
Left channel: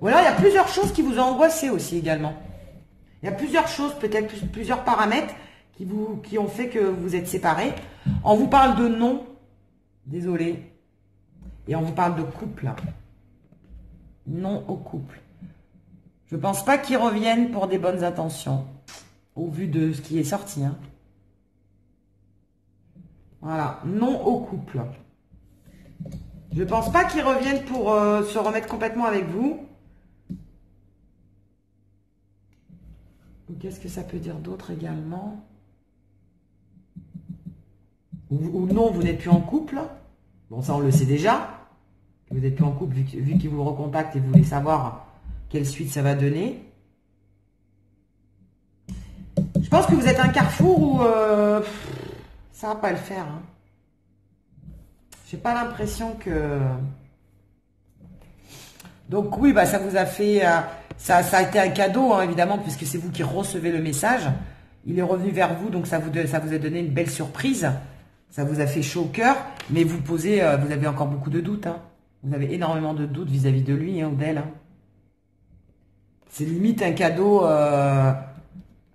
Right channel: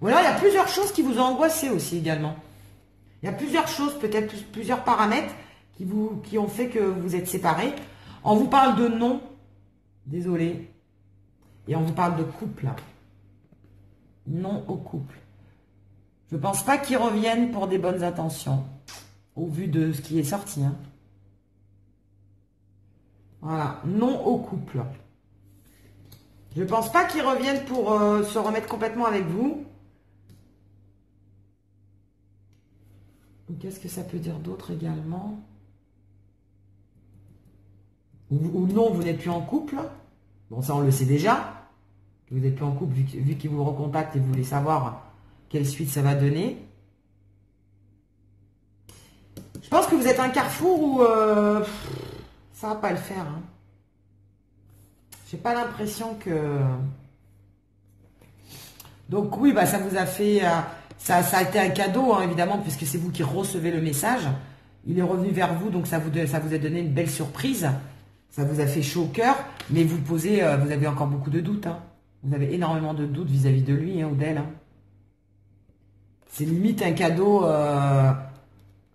Voilà, il y a plusieurs choses qui vous ont angoissé aussi également. Il y a plusieurs choses, peut-être plusieurs paramètres qui ont fait que vous êtes séparés. On vous parle de non, désolé, et on vous parle de couple. Non au couple. Je ne pense pas qu'ils reviennent pour des bonnes intentions, au vu de ce qui est sorti. Hein. Voilà, non au couple. Je ne pense pas qu'ils reviennent pour se remettre complètement avec vous. Qu'est-ce que ça peut dire d'autre également? Ou non, vous n'êtes plus en couple. Bon, ça on le sait déjà. Vous n'êtes plus en couple vu qu'ils vous recontactent et vous voulez savoir quelle suite ça va donner. Je pense que vous êtes à un carrefour où ça ne va pas le faire. Hein. J'ai pas l'impression que... Donc oui, bah, ça vous a fait... ça a été un cadeau, hein, évidemment, puisque c'est vous qui recevez le message. Il est revenu vers vous, donc ça vous a donné une belle surprise. Ça vous a fait chaud au cœur, mais vous avez encore beaucoup de doutes. Hein. Vous avez énormément de doutes vis-à-vis de lui hein, ou d'elle. Hein. C'est limite un cadeau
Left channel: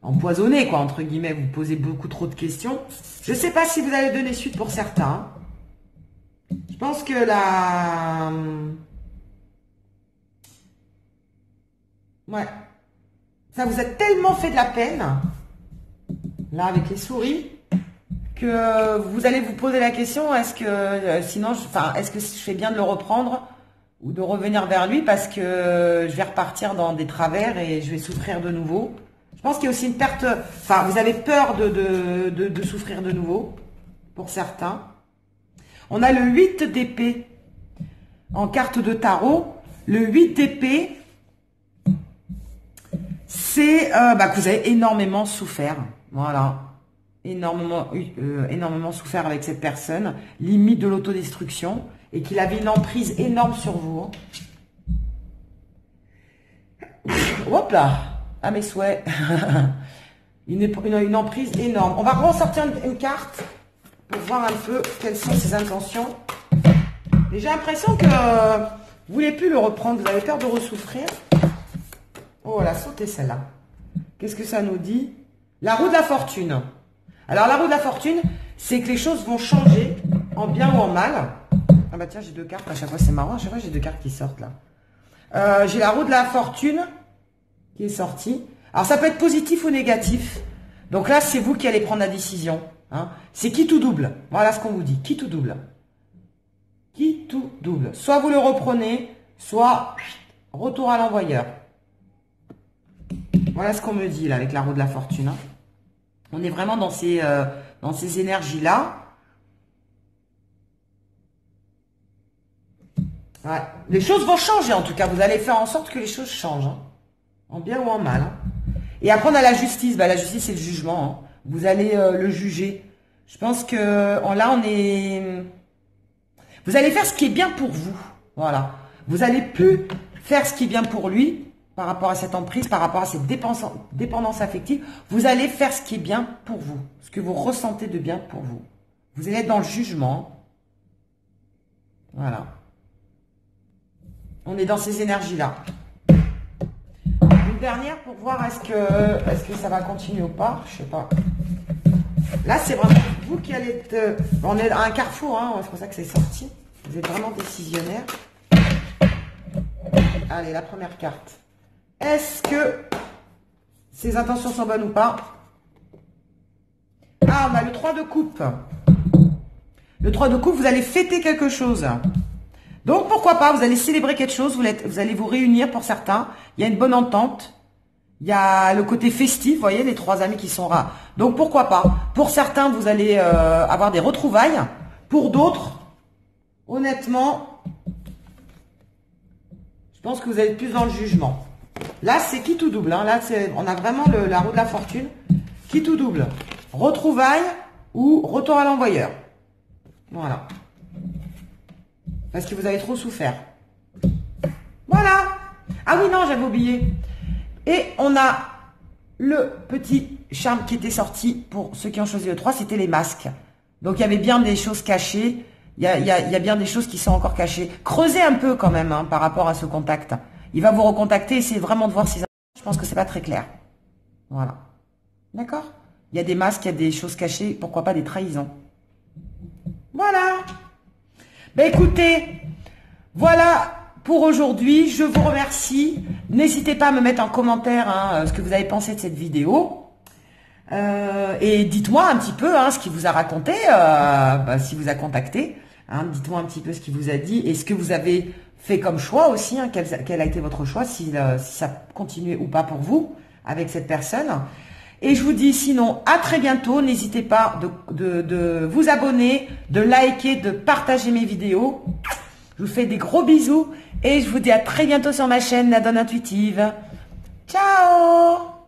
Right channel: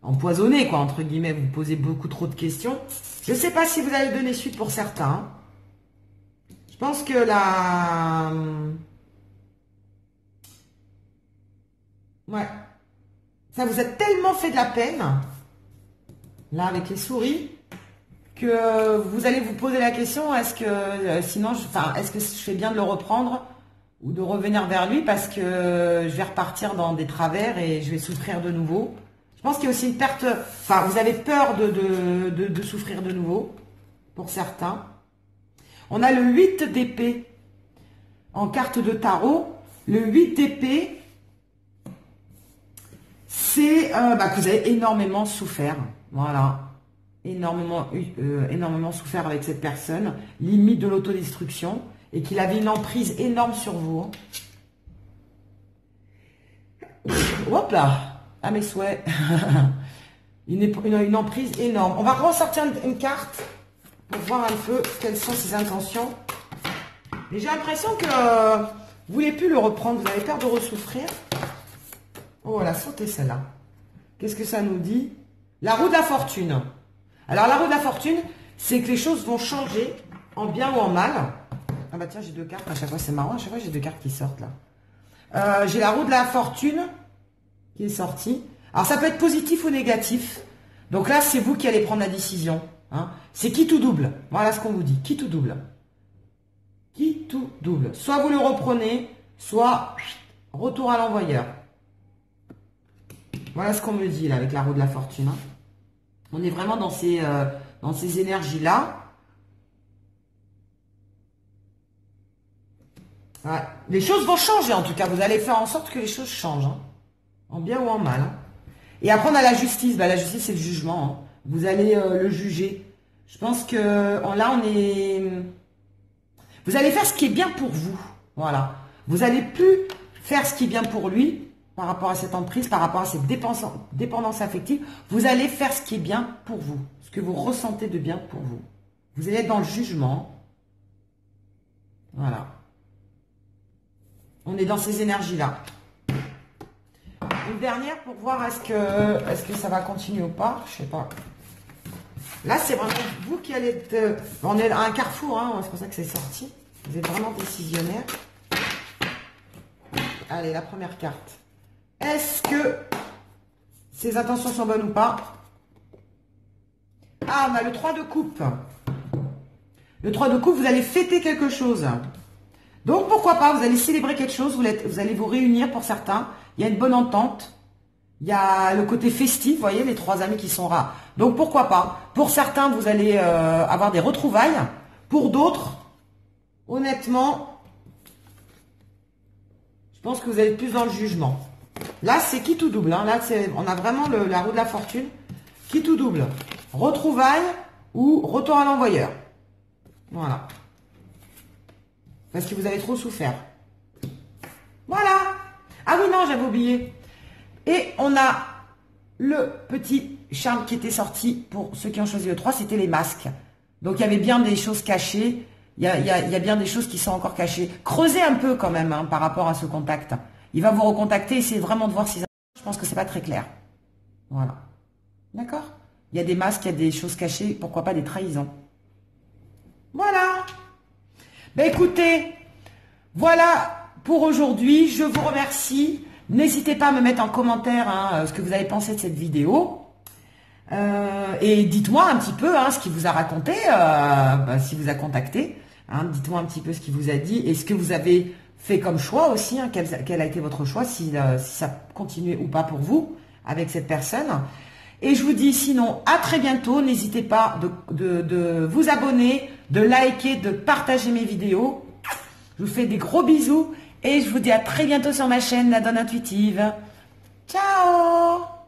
empoisonné, quoi, entre guillemets. Vous posez beaucoup trop de questions. Je ne sais pas si vous allez donner suite pour certains. Hein. Je pense que ouais. Ça vous a tellement fait de la peine, là, avec les souris, que vous allez vous poser la question, est-ce que, sinon, est-ce que je fais bien de le reprendre ou de revenir vers lui parce que je vais repartir dans des travers et je vais souffrir de nouveau. Je pense qu'il y a aussi une perte, enfin vous avez peur de souffrir de nouveau, pour certains. On a le 8 d'épée en carte de tarot. Le 8 d'épée, c'est que vous avez énormément souffert. Voilà. Énormément souffert avec cette personne. Limite de l'autodestruction. Et qu'il avait une emprise énorme sur vous. Hop là. Ah mes souhaits. une emprise énorme. On va ressortir une carte pour voir un peu quelles sont ses intentions. Et j'ai l'impression que vous voulez plus le reprendre. Vous avez peur de ressouffrir. Oh, elle a sauté celle-là. Qu'est-ce que ça nous dit? La roue de la fortune. Alors, la roue de la fortune, c'est que les choses vont changer en bien ou en mal. Ah bah tiens, j'ai deux cartes à chaque fois. C'est marrant, à chaque fois, j'ai deux cartes qui sortent là. J'ai la roue de la fortune qui est sortie. Alors, ça peut être positif ou négatif. Donc là, c'est vous qui allez prendre la décision. Hein. C'est qui tout double. Voilà ce qu'on vous dit. Qui tout double. Qui tout double. Soit vous le reprenez, soit retour à l'envoyeur. Voilà ce qu'on me dit là avec la roue de la fortune. Hein. On est vraiment dans ces énergies-là. Ouais. Les choses vont changer en tout cas. Vous allez faire en sorte que les choses changent. Hein. En bien ou en mal. Hein. Et après on a la justice. Bah, la justice c'est le jugement. Hein. Vous allez le juger. Je pense que là on est... Vous allez faire ce qui est bien pour vous. Voilà. Vous n'allez plus faire ce qui est bien pour lui. Par rapport à cette emprise, par rapport à cette dépendance affective, vous allez faire ce qui est bien pour vous, ce que vous ressentez de bien pour vous. Vous allez être dans le jugement. Voilà. On est dans ces énergies-là. Une dernière pour voir est-ce que ça va continuer ou pas. Je sais pas. Là, c'est vraiment vous qui allez être... On est à un carrefour, hein, c'est pour ça que c'est sorti. Vous êtes vraiment décisionnaire. Allez, la première carte. Est-ce que ses intentions sont bonnes ou pas? Ah, on a le 3 de coupe. Le 3 de coupe, vous allez fêter quelque chose. Donc, pourquoi pas, vous allez célébrer quelque chose, vous allez vous réunir pour certains. Il y a une bonne entente. Il y a le côté festif, vous voyez, les trois amis qui sont là. Donc, pourquoi pas? Pour certains, vous allez avoir des retrouvailles. Pour d'autres, honnêtement, je pense que vous allez plus dans le jugement. Là, c'est qui tout double. Hein. Là, on a vraiment la roue de la fortune. Qui tout double. Retrouvailles ou retour à l'envoyeur. Voilà. Parce que vous avez trop souffert. Voilà. Ah oui, non, j'avais oublié. Et on a le petit charme qui était sorti pour ceux qui ont choisi le 3, c'était les masques. Donc, il y avait bien des choses cachées. Il y a bien des choses qui sont encore cachées. Creusez un peu quand même hein, par rapport à ce contact. Il va vous recontacter, essayez vraiment de voir si... Je pense que c'est pas très clair. Voilà. D'accord? Il y a des masques, il y a des choses cachées, pourquoi pas des trahisons. Voilà. Ben écoutez, voilà pour aujourd'hui. Je vous remercie. N'hésitez pas à me mettre en commentaire hein, ce que vous avez pensé de cette vidéo. Et dites-moi un petit peu hein, ce qu'il vous a raconté, s'il vous a contacté. Hein, dites-moi un petit peu ce qu'il vous a dit et ce que vous avez... fait comme choix aussi, hein, quel a été votre choix, si ça continue ou pas pour vous avec cette personne. Et je vous dis sinon à très bientôt. N'hésitez pas de vous abonner, de liker, de partager mes vidéos. Je vous fais des gros bisous et je vous dis à très bientôt sur ma chaîne La Donne Intuitive. Ciao!